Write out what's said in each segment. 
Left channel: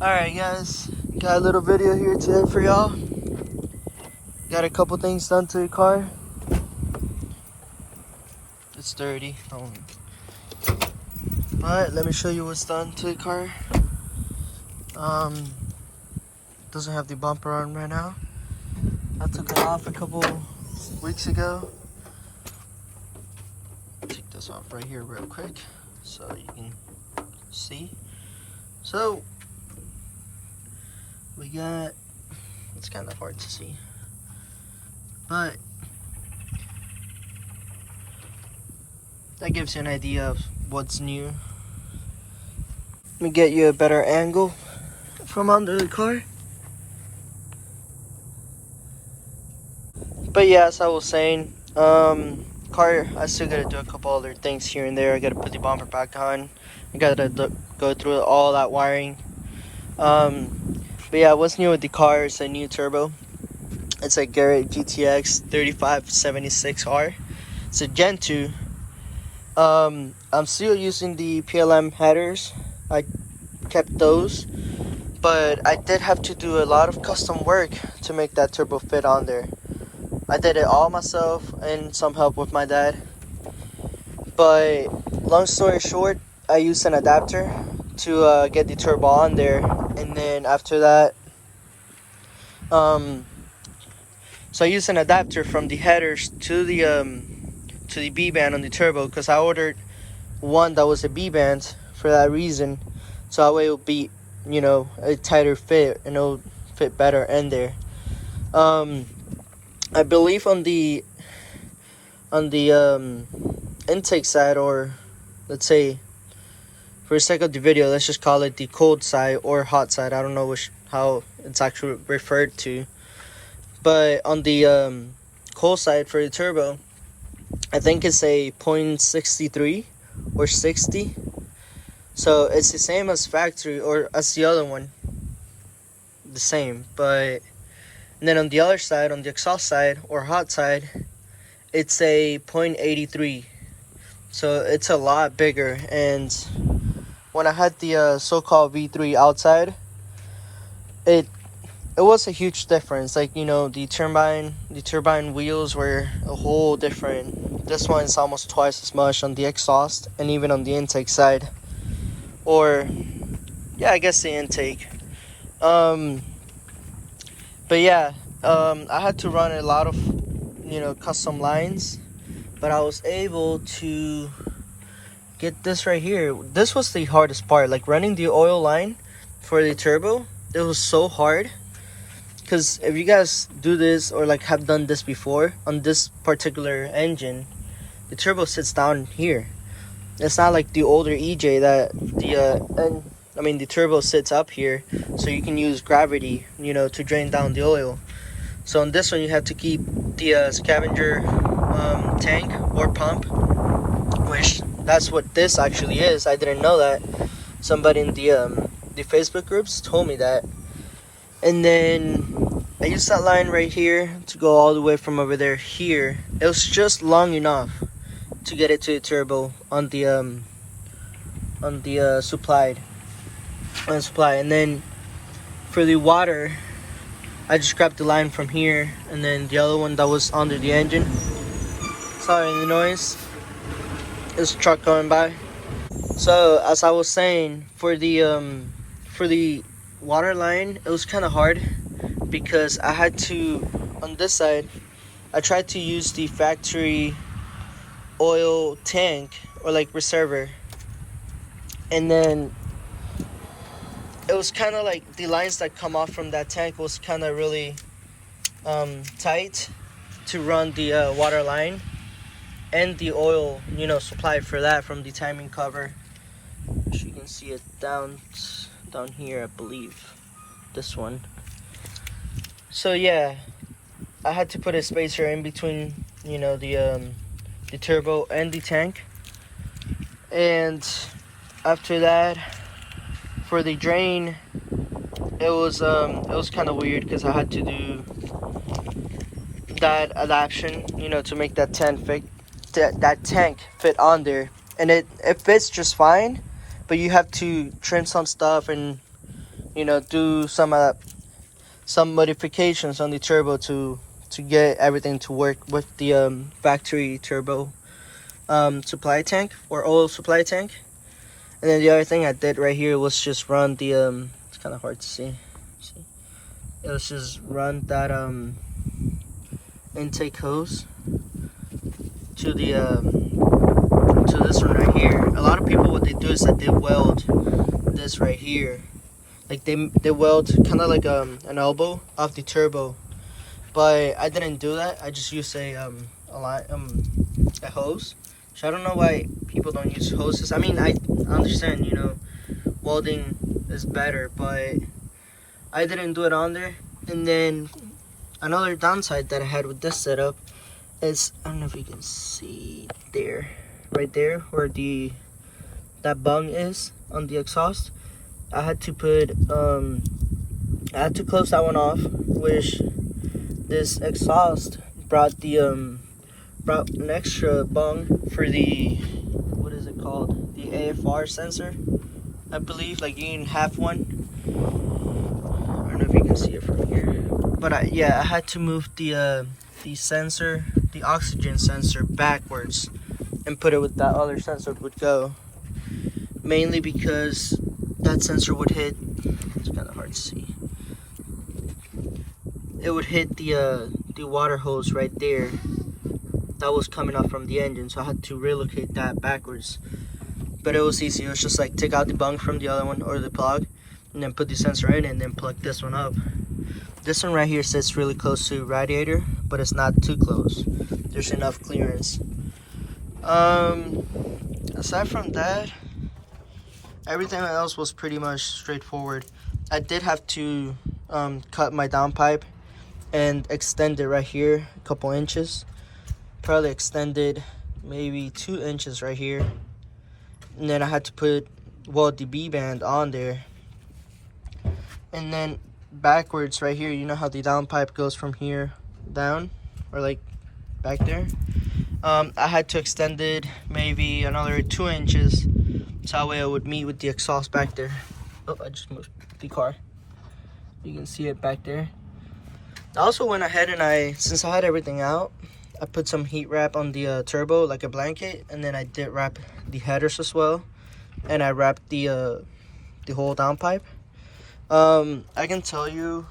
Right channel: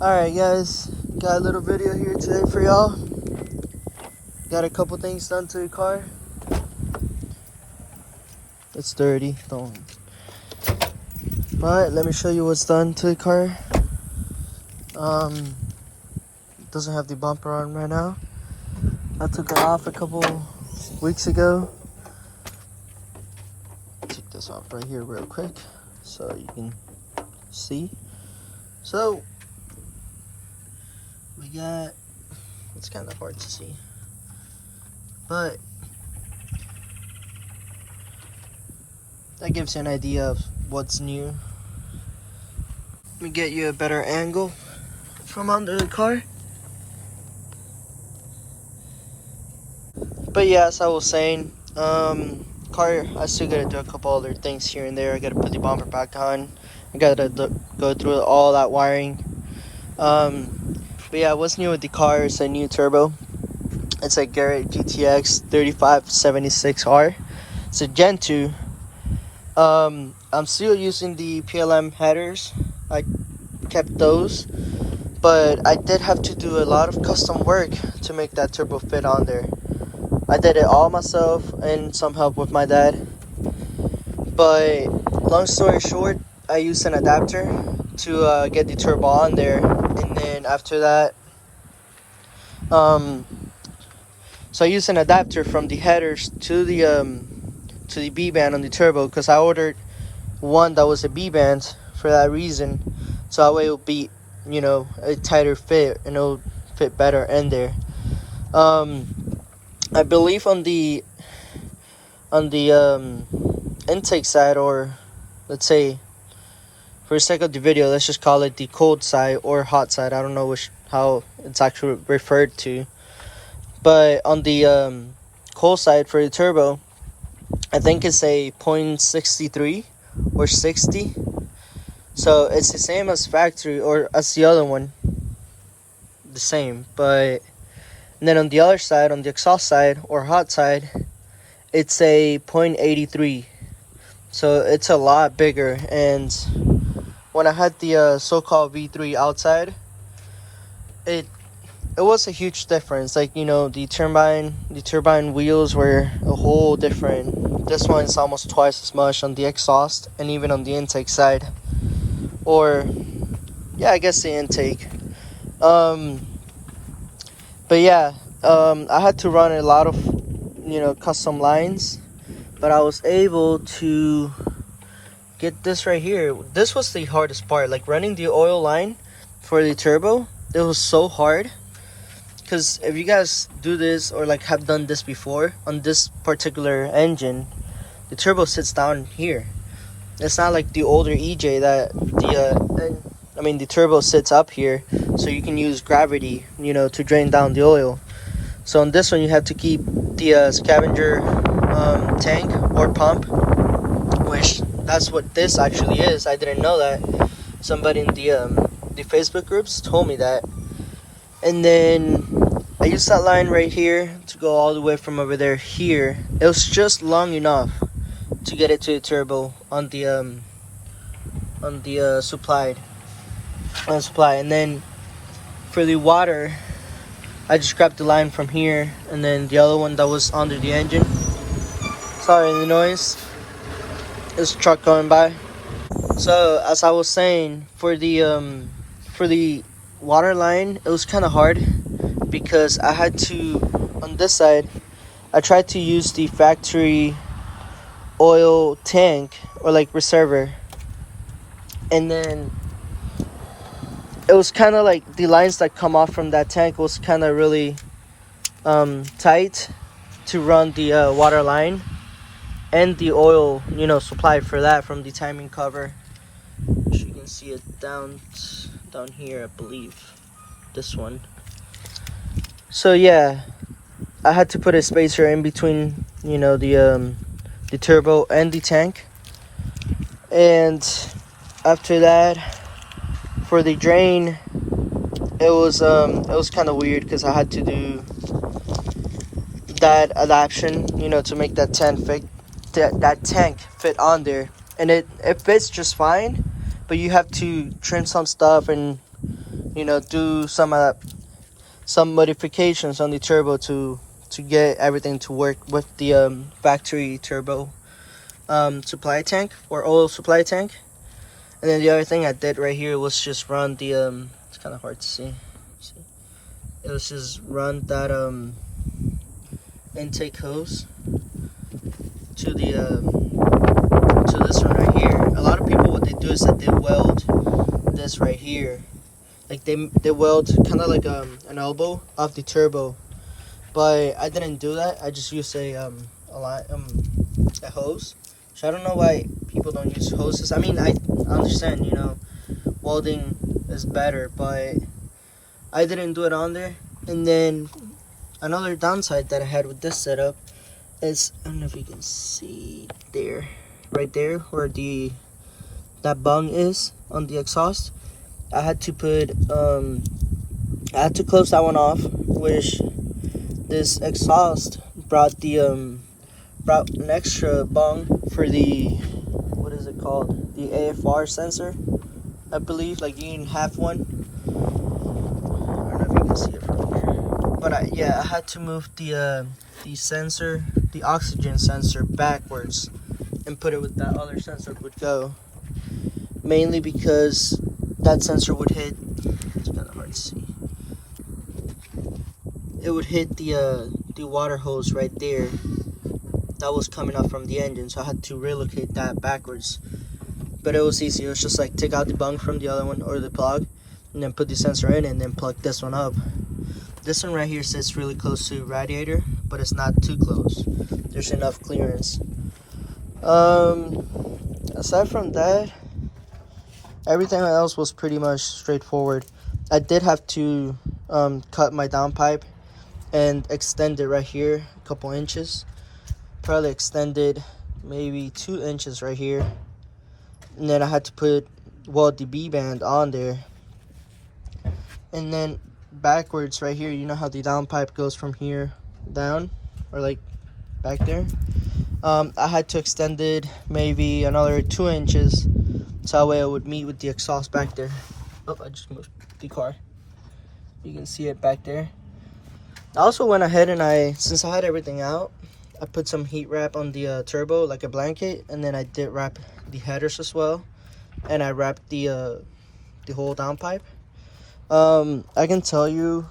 Alright guys, got a little video here today for y'all. Got a couple things done to the car. It's dirty, don't. But let me show you what's done to the car. Doesn't have the bumper on right now. I took it off a couple weeks ago. Take this off right here real quick so you can see. So we got, it's kind of hard to see, but that gives you an idea of what's new. Let me get you a better angle from under the car. But yeah, as I was saying, car, I still gotta do a couple other things here and there. I gotta put the bumper back on. I gotta go through all that wiring. But yeah, what's new with the car is a new turbo. It's a GTX3576r. It's a Gen 2. I'm still using the PLM headers. I kept those, but I did have to do a lot of custom work to make that turbo fit on there. I did it all myself and some help with my dad. But long story short, I used an adapter to get the turbo on there, and then after that, so I used an adapter from the headers to the B band on the turbo, because I ordered one that was a B band for that reason, so that way it'll be, you know, a tighter fit and it'll fit better in there. I believe on the intake side, or let's say for the sake of the video, let's just call it the cold side or hot side. I don't know how it's actually referred to, but on the cold side for the turbo, I think it's a 0.63 or 60. So it's the same as factory, or as the other one, the same. But and then on the other side, on the exhaust side or hot side, it's a 0.83. So it's a lot bigger. And when I had the so-called V3 outside, it was a huge difference. Like, you know, the turbine wheels were a whole different. This one is almost twice as much on the exhaust and even on the intake side. Or yeah, I guess the intake. But yeah, I had to run a lot of, you know, custom lines, but I was able to get this right here. This was the hardest part, like running the oil line for the turbo. It was so hard, because if you guys do this or like have done this before on this particular engine, the turbo sits down here. It's not like the older EJ that the turbo sits up here, so you can use gravity, you know, to drain down the oil. So on this one, you have to keep the scavenger tank or pump, which that's what this actually is. I didn't know that. Somebody in the Facebook groups told me that. And then I used that line right here to go all the way from over there here. It was just long enough to get it to the turbo on the supply. And then for the water, I just grabbed the line from here, and then the other one that was under the engine. Sorry the noise. It's a truck going by. So as I was saying, for the water line, it was kind of hard, because I had to, on this side, I tried to use the factory oil tank or like reservoir, and then it was kind of like the lines that come off from that tank was kind of really tight to run the water line and the oil, you know, supply for that from the timing cover. You can see it down here, I believe, this one. So yeah, I had to put a spacer in between, you know, the turbo and the tank. And after that, for the drain, it was kind of weird, because I had to do that adaptation, you know, to make that tank fit on there. And it fits just fine, but you have to trim some stuff and do some modifications on the turbo to get everything to work with the factory turbo supply tank or oil supply tank. And then the other thing I did right here was just run the it's kind of hard to see. It was just run that intake hose to the to this one right here. A lot of people, what they do is that they weld this right here, like they weld kind of like an elbow off the turbo, but I didn't do that. I just used a hose. So I don't know why people don't use hoses. I mean, I understand, welding is better, but I didn't do it on there. And then another downside that I had with this setup is, I don't know if you can see there, right there where that bung is on the exhaust. I had to put I had to close that one off, which this exhaust brought brought an extra bung for the, what is it called, the AFR sensor, I believe. Like, you can have one. I don't know if you can see it from here, but yeah, I had to move the sensor, the oxygen sensor, backwards and put it with that other sensor would go, mainly because that sensor would hit, it's kind of hard to see, it would hit the water hose right there that was coming up from the engine. So I had to relocate that backwards, but it was easy. It was just like take out the bung from the other one or the plug and then put the sensor in and then plug this one up. This one right here sits really close to radiator, but it's not too close. There's enough clearance. Aside from that, everything else was pretty much straightforward. I did have to cut my downpipe and extend it right here a couple inches. Probably extended maybe 2 inches right here. And then I had to put, the B-band on there. And then backwards right here, you know how the downpipe goes from here down, or like back there? I had to extend it maybe another 2 inches, so that way it would meet with the exhaust back there. Oh, I just moved the car. You can see it back there. I also went ahead and since I had everything out, I put some heat wrap on the turbo, like a blanket, and then I did wrap the headers as well, and I wrapped the whole downpipe. I can tell you,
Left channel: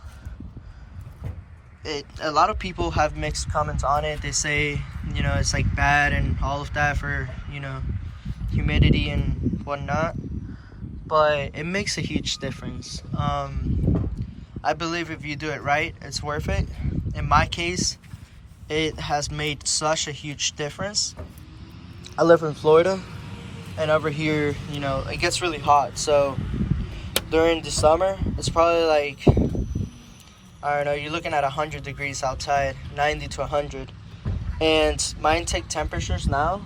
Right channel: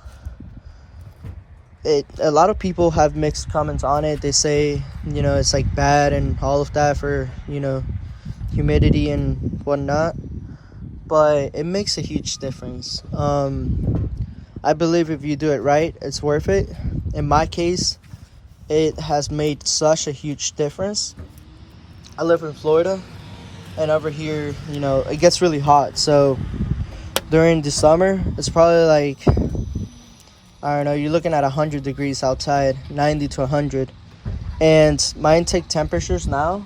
a lot of people have mixed comments on it. They say, it's like bad and all of that for, humidity and whatnot, but it makes a huge difference. I believe if you do it right, it's worth it. In my case, it has made such a huge difference. I live in Florida, and over here, it gets really hot. So during the summer, it's probably like, I don't know, you're looking at 100 degrees outside, 90 to 100. And my intake temperatures now,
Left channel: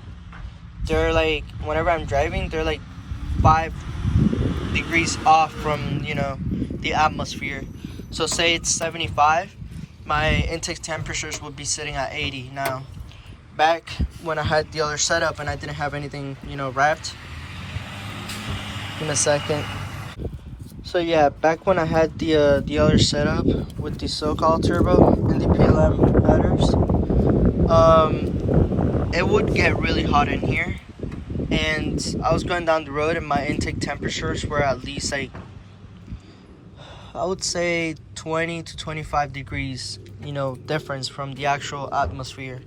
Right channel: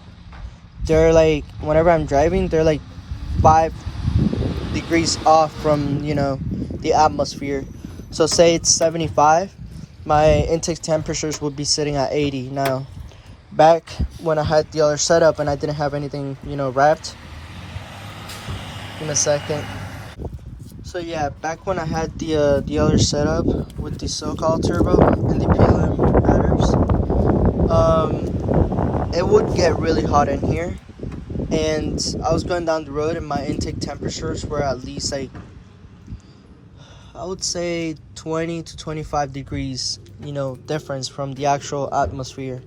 they're like, whenever I'm driving, they're like 5 degrees off from, the atmosphere. So say it's 75, my intake temperatures would be sitting at 80 now. Back when I had the other setup and I didn't have anything, wrapped. In a second. So yeah, back when I had the other setup with the so-called turbo and the PLM headers, it would get really hot in here. And I was going down the road and my intake temperatures were at least like, I would say 20 to 25 degrees, difference from the actual atmosphere.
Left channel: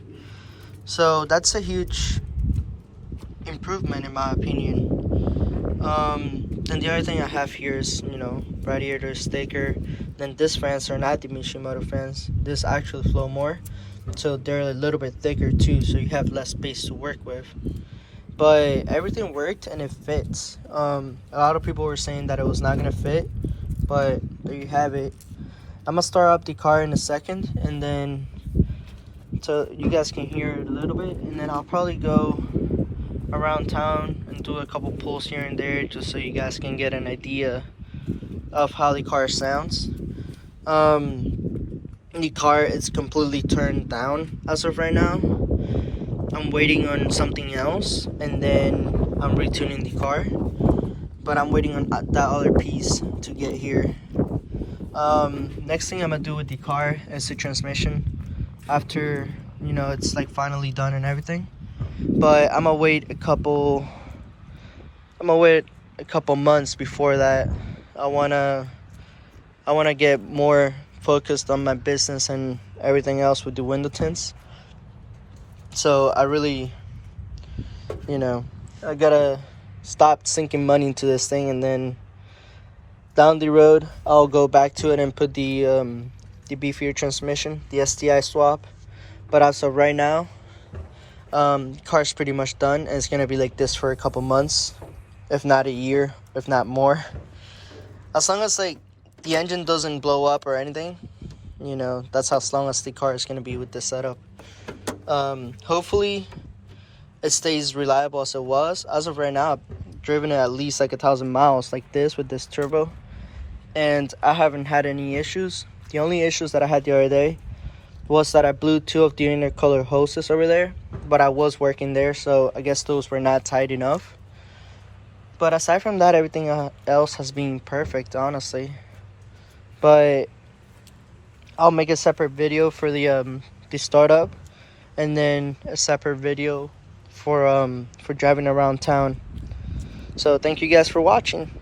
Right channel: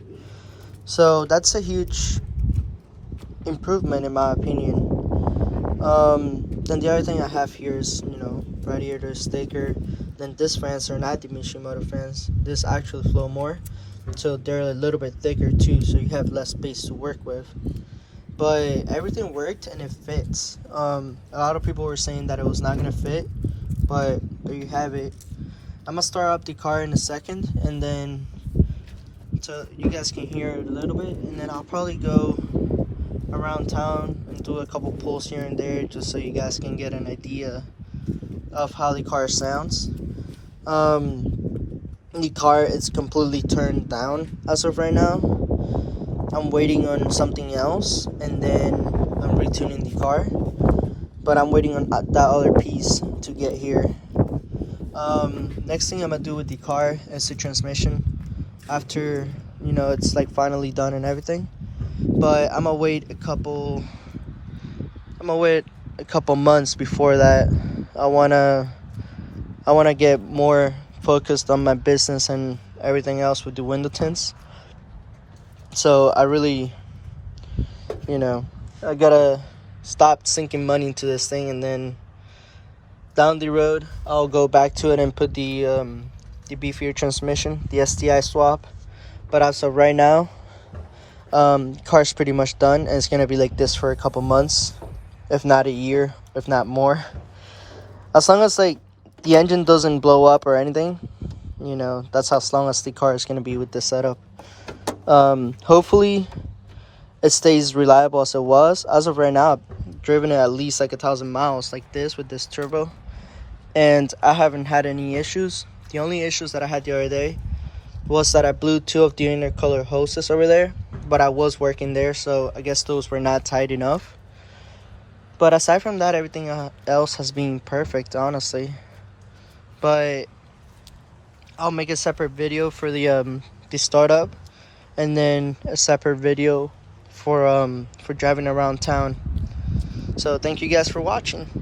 So that's a huge improvement in my opinion. Then the other thing I have here is, radiator sticker. Then these fans are not the Mishimoto fans. This actually flow more, so they're a little bit thicker too, so you have less space to work with. But everything worked and it fits. A lot of people were saying that it was not gonna fit, but there you have it. I'm gonna start up the car in a second, and then so you guys can hear it a little bit, and then I'll probably go around town and do a couple pulls here and there just so you guys can get an idea of how the car sounds. The car is completely turned down as of right now. I'm waiting on something else, and then I'm retuning the car, but I'm waiting on that other piece to get here. Next thing I'm gonna do with the car is the transmission. After, you know, it's like finally done and everything. But I'm gonna wait a couple months before that. I wanna get more focused on my business and everything else with the window tints. So I really, you know, I gotta stop sinking money into this thing, and then down the road I'll go back to it and put the beefier transmission, the STI swap. But as of right now, car's pretty much done, and it's gonna be like this for a couple months, if not a year, if not more. As long as like the engine doesn't blow up or anything, you know, that's as long as the car is gonna be with this setup. Hopefully it stays reliable as it was. As of right now, I've driven it at least like 1,000 miles like this with this turbo, and I haven't had any issues. The only issues that I had the other day was that I blew 2 of the intercooler hoses over there, but I was working there, so I guess those were not tight enough. But aside from that, everything else has been perfect, honestly. But I'll make a separate video for the startup, and then a separate video for driving around town. So thank you guys for watching.